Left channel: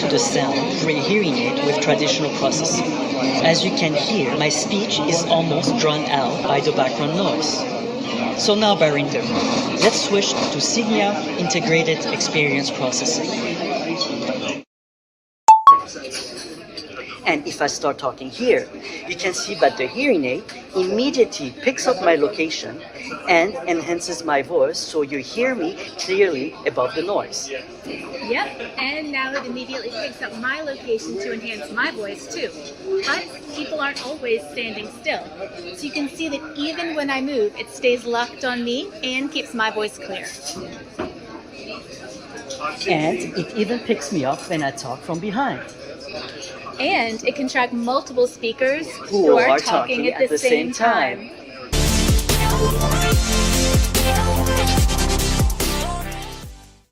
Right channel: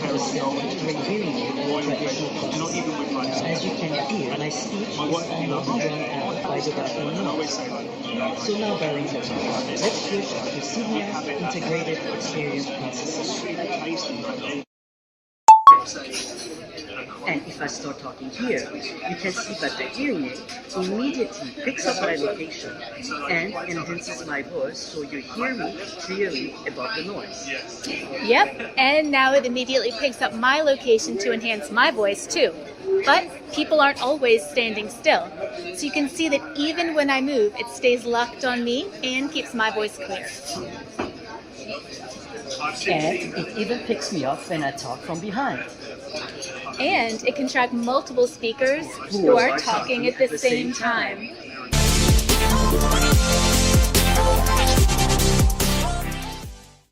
to the sound through a hearing aid with traditional processing. As you can hear, my speech is almost drowned out by the background noise. So now, Barinder, let's switch to Signia Integrated Experience Processing. And if I start talking here, you can see that the hearing aid immediately picks up my location and enhances my voice so you hear me clearly above the noise. Yep, and now it immediately picks up my location to enhance my voice too. But people aren't always standing still. So you can see that even when I move, it stays locked on me and keeps my voice clear. And it even picks me up when I talk from behind. And it can track multiple speakers who are talking at the same time.